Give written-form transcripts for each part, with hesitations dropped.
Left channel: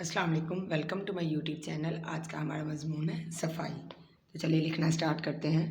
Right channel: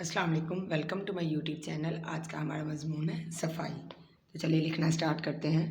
अस्सलाम वालेकुम, welcome to my YouTube channel. आज का हमारा मजमून है सफाई। तो चलिए लिखना स्टार्ट करते हैं।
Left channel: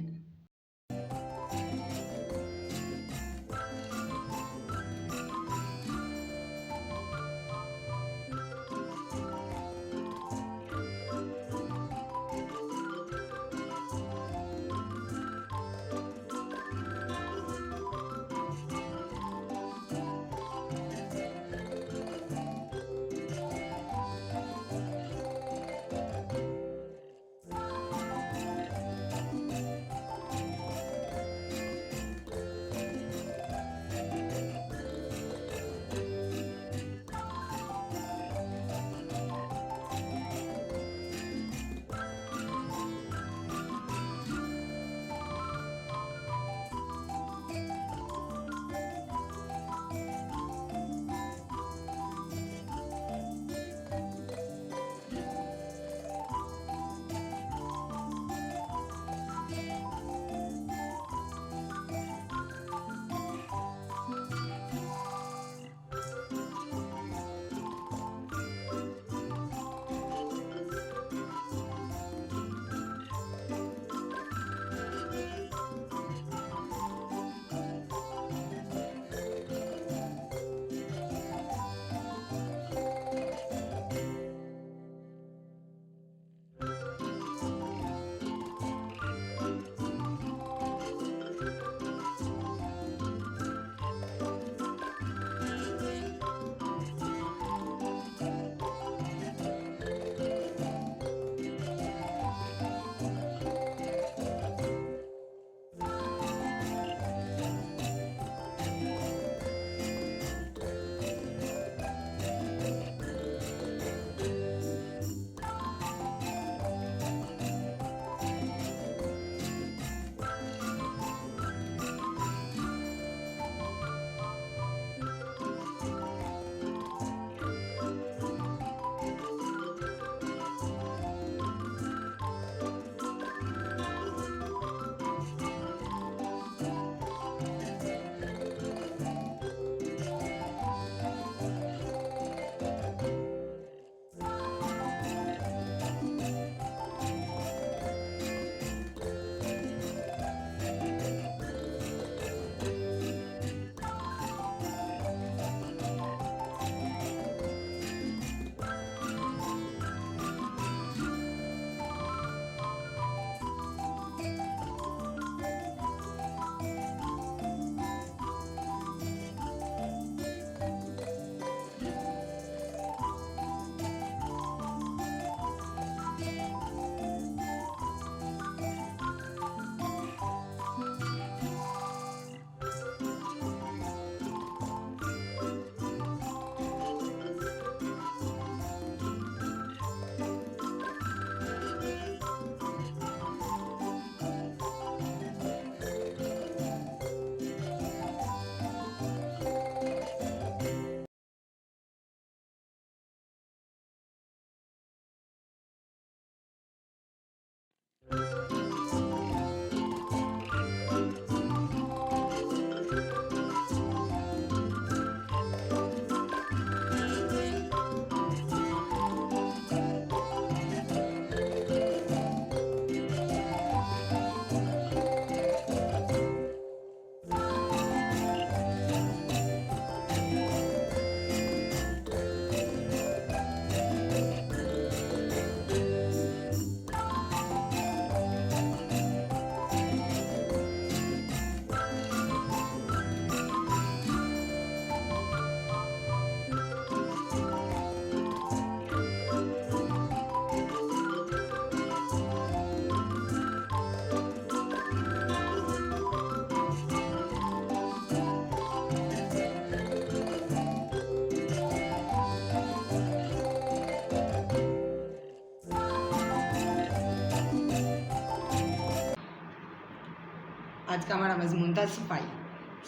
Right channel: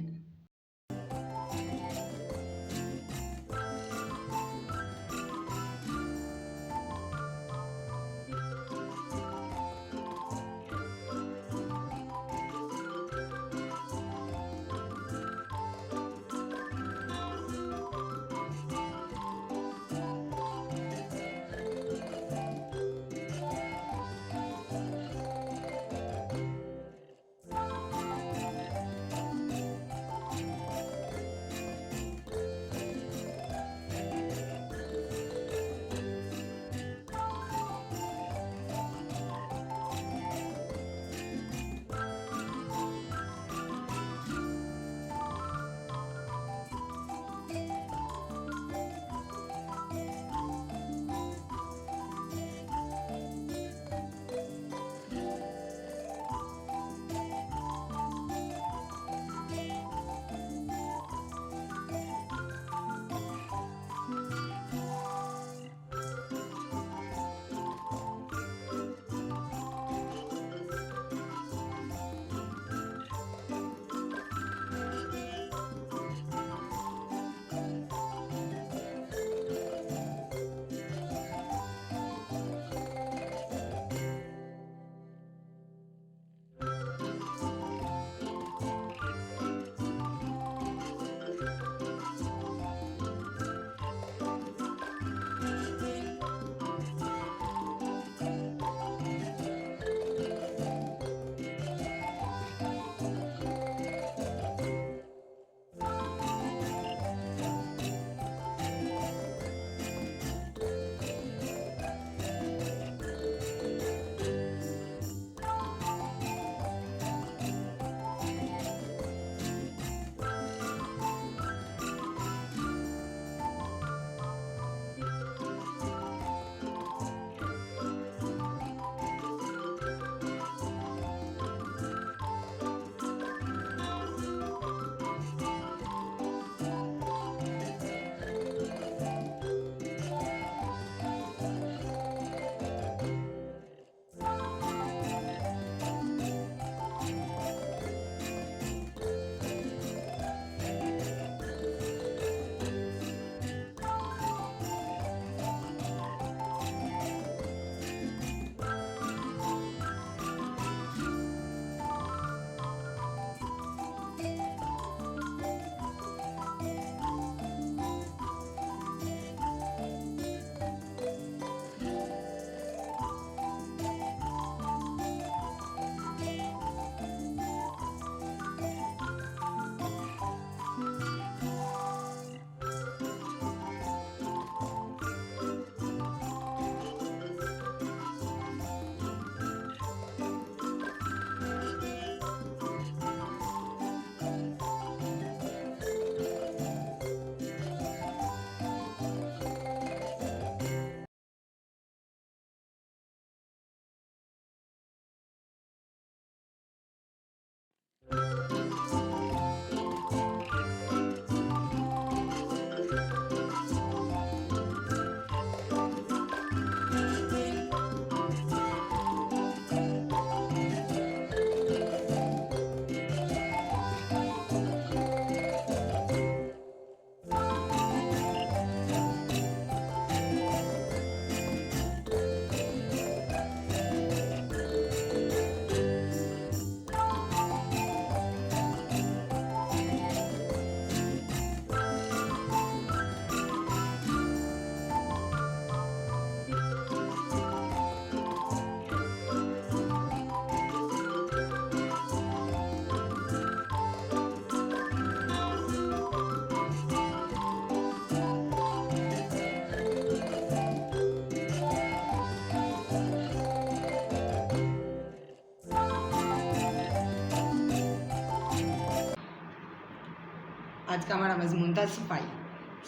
आज का हमारा मजमून था सफाई।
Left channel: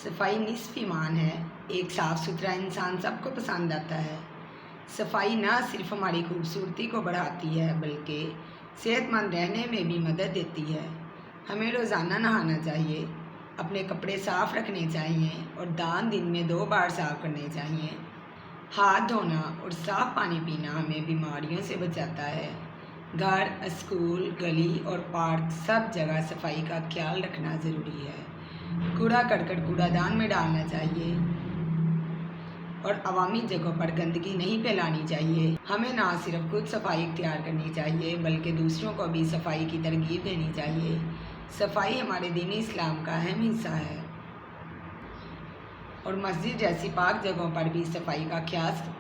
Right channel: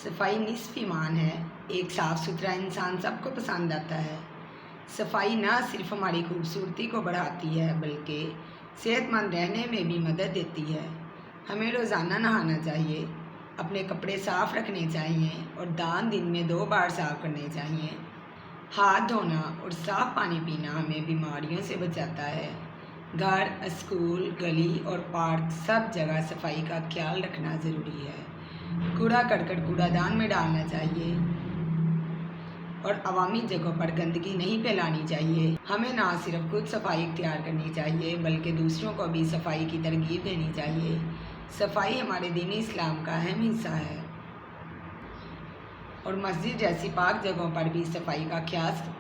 सफाई निस्फ ईमान है। एक साफ़ सुथरा इंसान सबको पसंद आता है। सफाई ना सिर्फ हमारी खूबसूरती को बढ़ाती है बल्कि सेहतमंद रहने में भी मदद देती है। हमें रोज़ाना नहाना चाहिए, अपने कपड़े साफ़ रखने चाहिए और दांत दिन में 2 बार साफ़ करने चाहिए। हाथ धोना और साफ़ पानी पीना हमें बीमारियों से बचाता है। घर, स्कूल, गली और पार्क सब जगह सफाई का ख्याल रखना ज़रूरी है। कूड़ा करकट कूड़ादान में डालना चाहिए और अवामी जगहों पर गंदगी नहीं फैलानी चाहिए। हमें ना सिर्फ खुद सफाई इख्तियार करनी चाहिए बल्कि दूसरों को भी सफाई की तरगीब देनी चाहिए। सफाई हमारे दीन इस्लाम का अहम हिस्सा है और मस्जिद जैसी पाक जगहों पर भी सफाई का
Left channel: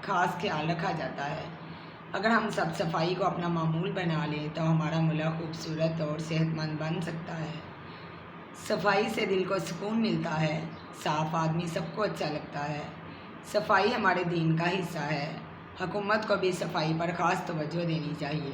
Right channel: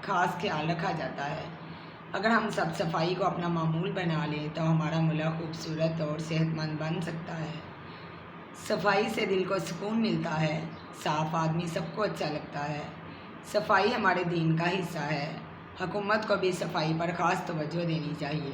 खास ख्याल रखा जाता है। अगर हम सब सफाई को अपना मामूल बना लें तो हमारा मुल्क खूबसूरत और सेहतमंद बन सकता है। सफाई से दिल को सुकून मिलता है। साफ़ आदमी सबको अच्छा लगता है। सफाई हमारे दीन का हिस्सा है। हुकूमत को भी सफाई पर ख़ास तवज्जो देनी चाहिए।